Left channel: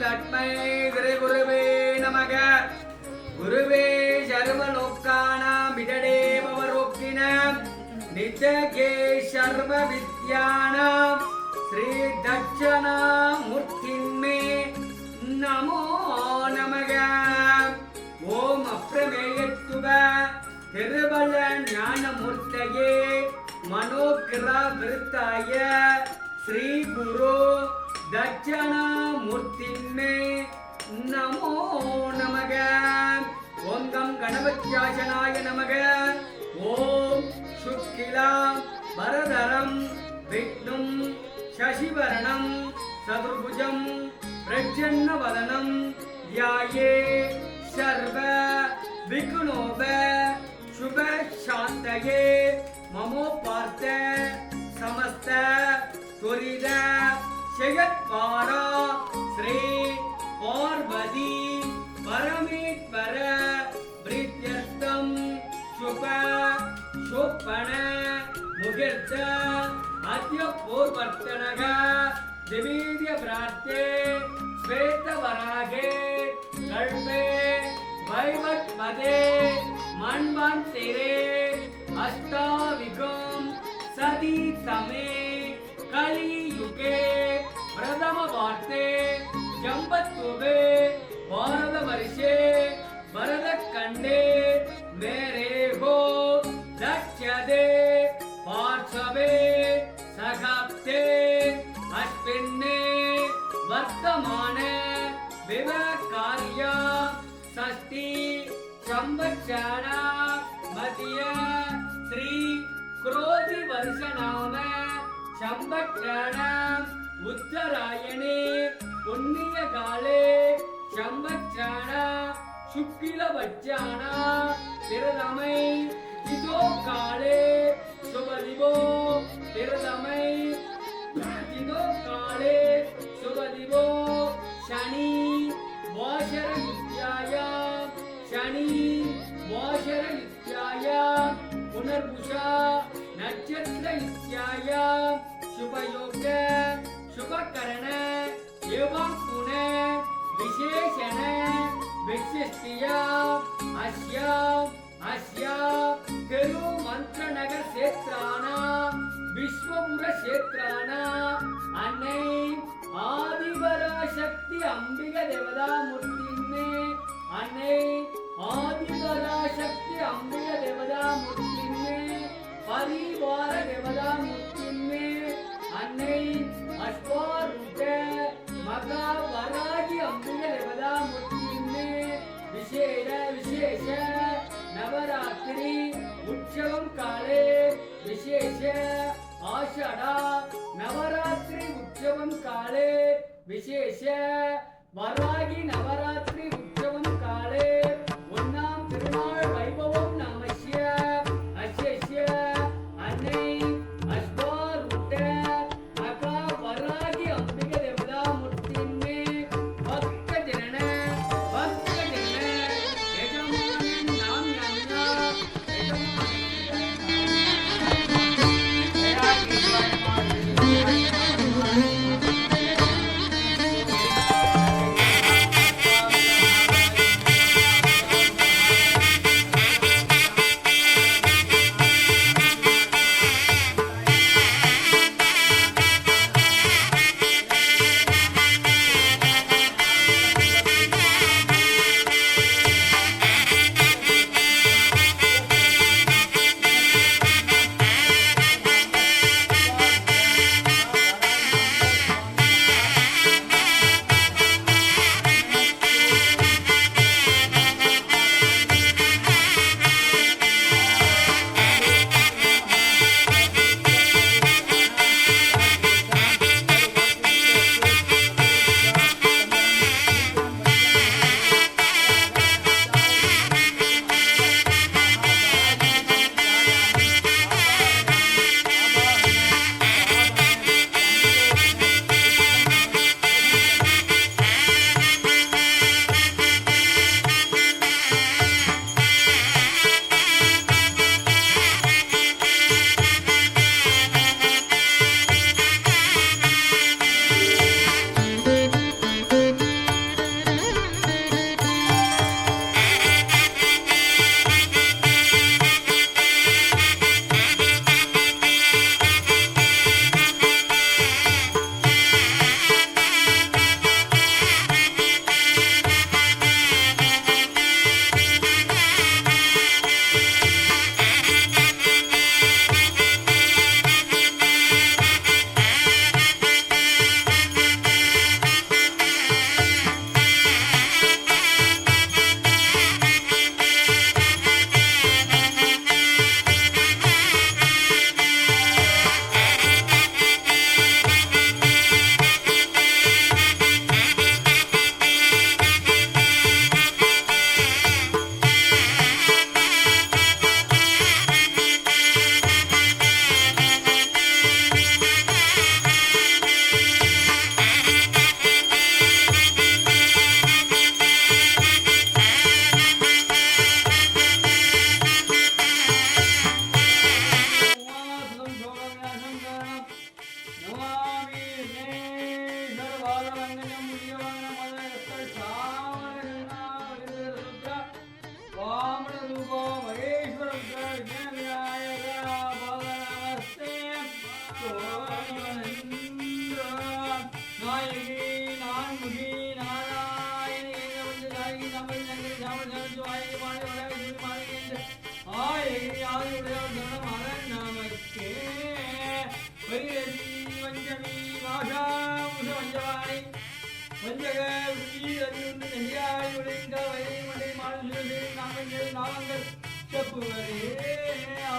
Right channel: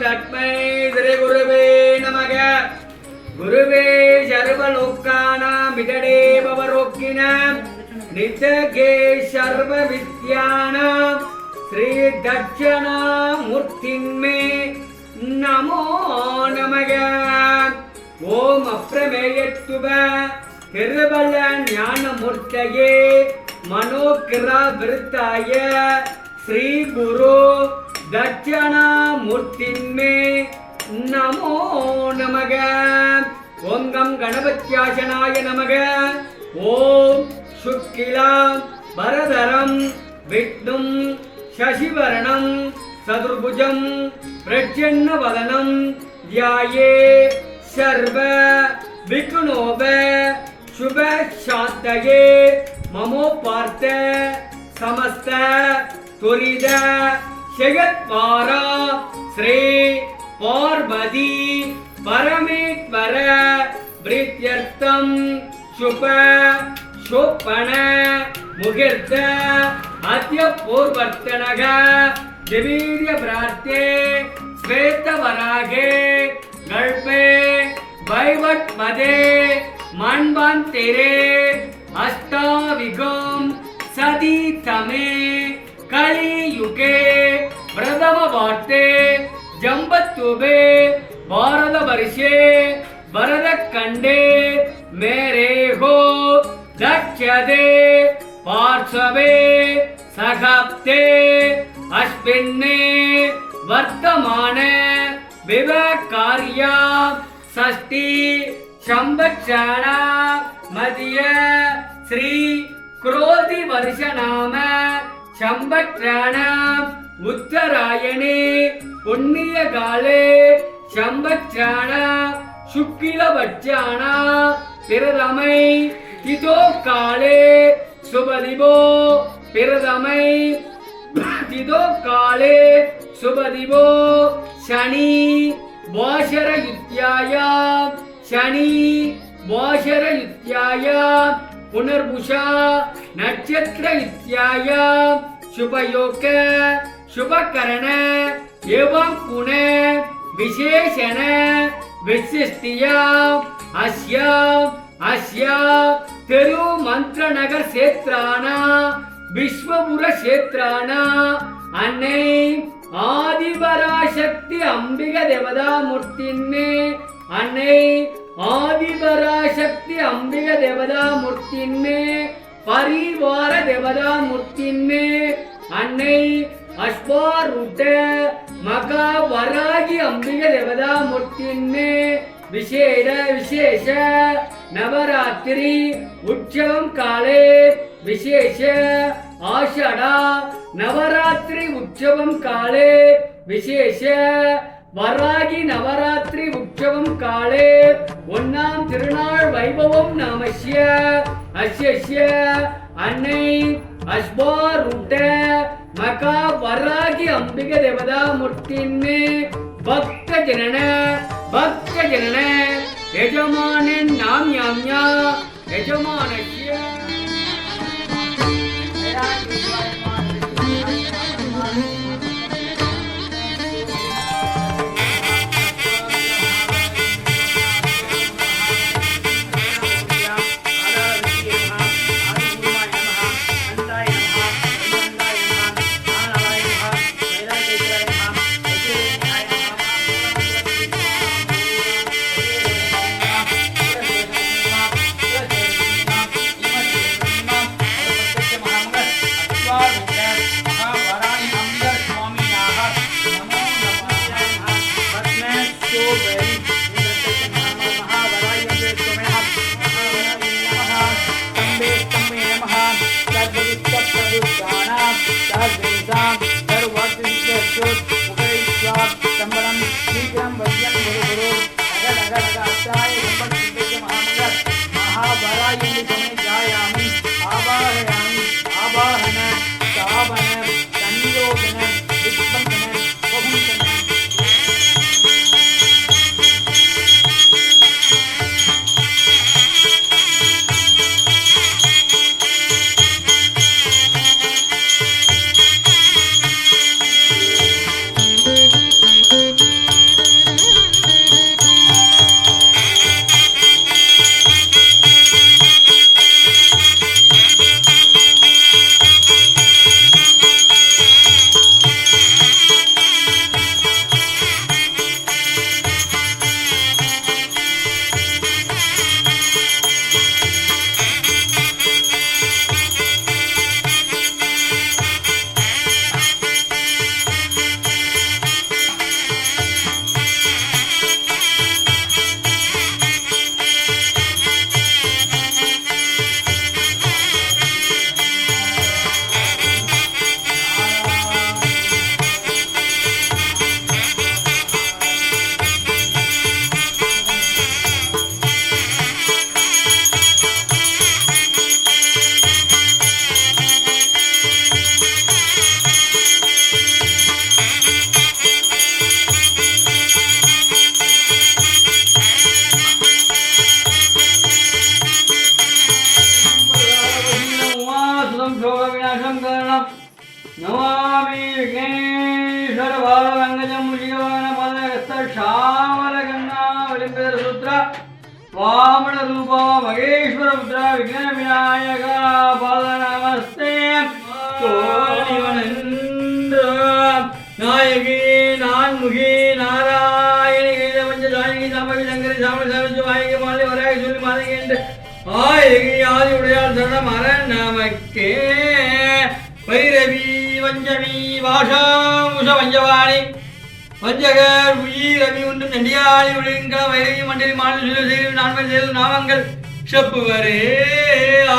तस्मै श्री गुरुवे नमः। गुरुवे सर्वलोकानामितडे भवरोगिणां नित्यगे सर्वविद्यानां श्री दक्षिणामूर्तिन्मे नमो नमः। ओम अप्रमेयत्व திருவள்ள ஞானமூர்த்தயே மனோகிரவிருத்தாய ஸ்ரீ குரு தட்சணாமூர்த்தின்மே நமோ நமக. ஓம் கம் கணபத்யாசனாய நமக. ஓம் சுக்கிலாம் வரதரம் விஷ்ணும் சசிவரணம் சதுர்புஜம் பிரசன்னவதனம் ध्याये सर्व विघ्नोप शुभ शांतये ममोपार्थ समस्त त्वरित जगत्पारा श्री पार्वती परमेश्वर प्रीत्यर्थम शुभ शोभन मुहूर्त अद्य पूर्वर्तनः दिवीर्य प्रार्थे श्वेतवरागे गल्पे वैवट मदे मन्वन्तिरे अष्टाविगं सदी तमे कलियुगे प्रथमवार्ते जम्बत्तुबे भारतवर्षे भरतखण्डे मेरे हो दक्षदे पार्श्वे सखप्ते अश्विने वर्तमान विवकार्या षष्ठी संवत्सर मध्य श्री क्रोधि वर्ष नाम संवत्सर उत्तरायणे पुण्य काले संवत्सर शुक्ल पक्षाण प्रथमै तिथो काले शुभदिवो प्रथमै तिथो काले शुभदिवो शनि वाशर युत्याय शनि वाशर युत्याय पुनर्भुषा नक्षत्र युत्याय शुभयोग शुभकरण एवं पुनः विशेषण विशिष्टिया अस्य तिरुमंत्रनगर क्षेत्राणा विश्वपुर क्षेत्राणा अन्नै आदिपराशक्ति अंबिका देवता मूर्तिन्मे अन्नै आदिपराशक्ति अंबिका देवता मूर्तिन्मे परिवार देवता मूर्तिन्मे अन्नै अश्वारूढ़ मका वरागी अंबिका देवता मूर्तिन्मे विशेष नवरात्रि उत्सवं काले विशेष आषाढ़ा नवरात्रि उत्सवं काले विशेष वरागी नवरात्रि उत्सवं काले ओन्नाम तिरुनाळ वैभवं नामस्य अस्य अन्नै अश्वारूढ़ मका वरागी अंबिका देवता मूर्तिन्मे भक्त जनन यजमानन नाम याम्या यजमानस्य சங்கரம் நமாமி விக்னேஸ்வர பாலவங்கஜம் முஷிகவான பதகஸ்த ஷாமல கண்ணா விளிம்பேர சுத்ரா வாமன ரூபா மகேஸ்வர புத்ரா விக்ன விநாயக பாத நமஸ்தே நாயகி நான்முகி நாராயணி பஞ்ச ஜானகி சம்பவி சங்கரி சாமி சமைச்சு வாயகி மாலை வராக சொல்லி மாதகி என்று ஆயகி ஆதி உடையாள் சரணம் அரண் நமக்கே பைரவி வஞ்சமி வாஷாமுஷ பஞ்சவாணி வஞ்சகர் உயி ரவி ஒன்று நெண்டியாளி ஒழுங்க வைரவி மண்டலி மாநில நான்மன் செயல் நாமங்கள் செப்புவரே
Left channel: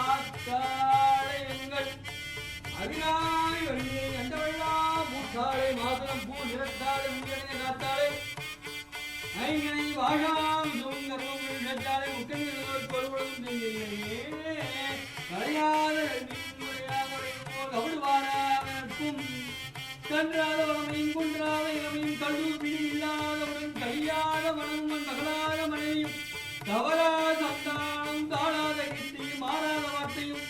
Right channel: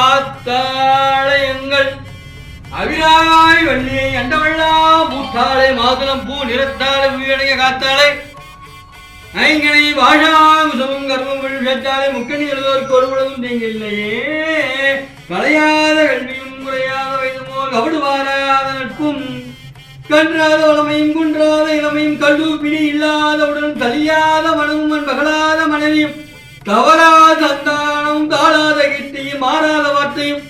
ஆத்தாளையங்கள் அவிராய் வள்ளியை அண்டவள்ளா பூத்தாளை மாதுளம் பூ நிறத்தாளை உயிரடைய காத்தாளை ஐங்கனை பாஷாமுசமும் கர்மம் சேர்த்தாலே முக்கணி எழுதோருக்கு ஒரு பொழுதும் நீங்கில்லையே கலையாத கல்வியும் குறையாத வைதுமோல் கபடு வாராத நட்பும் கன்றாத வளமையும் குன்றாத இளமையும் கல்வி பிடி இல்லாதவுடன் கலியாத மனமும் மகளாத மனைவியும் தவறாத சந்தானமும் தாழாத கீர்த்தியும் மாறாத வார்த்தையும்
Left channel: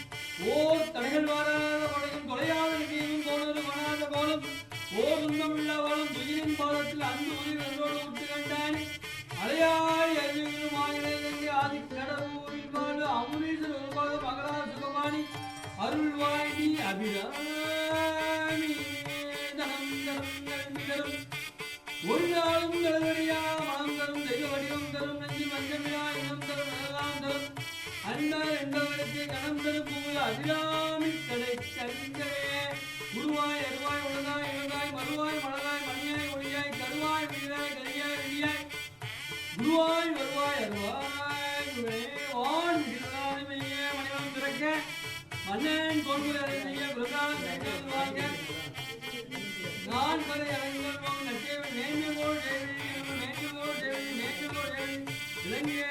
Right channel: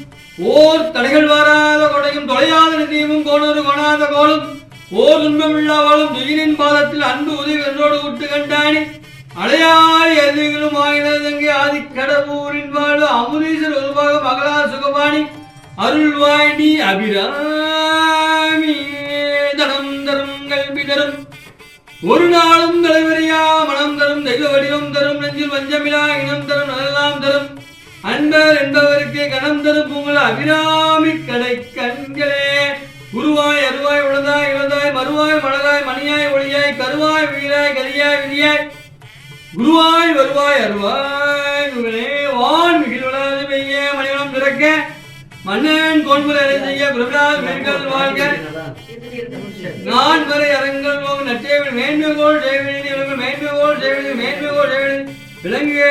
ஓர் தடைகள் வாராத கொடையும் தொலையாத நிதியமும் கோணொரு கொணாத கோலும் ஓர் துன்பமில்லாவாலும் துயிரின் பாதத்தில் அன்பு உதவி என்றோடு விட்டு கண்டானி அடையாளி எதிர்களும் ஆகினதங்கே ஆதிக்கடவுரின் வாழ்வு அமுதீசர் உருவாக மகளா சுகபாணி அருள்வாய்டி அபிராமி தனம் தரும் கல்வி தரும் ஒரு நாளும் தலைவரியா மனம் தரும் தெய்வ வடிவம் தரும் நெஞ்சில் வஞ்சமிலா இனம் தரும் அதெல்லாம் தரும் அன்பர் என்பவருக்கு கணம் தரும் உங்கள் அபிராமி கடை கண்களே குருவாய் அருவாய் உளதாய் இளதாய் மறுவாய் மலராய் மணியாய் ஒளியாய் கருவாய் வீராய் கலியாய் விரியாய் குருவாய் வருவாய் அருவாய் வான் மிகிழ்வளாது பெய்ய மணிவளம் திறக்க மன்னன் கோன்முறை அறை செய்ய பிரபலால் மென்கள் வாழ்க நான் வரை அரங்கள் நட்டேவில் மேன்மைகோள் செய்வதில் மேன்மைகோள் செய்வதில் மேன்மைகோள் செய்வதில் விளங்கிய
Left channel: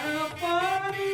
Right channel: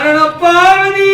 அரணப்பாவதி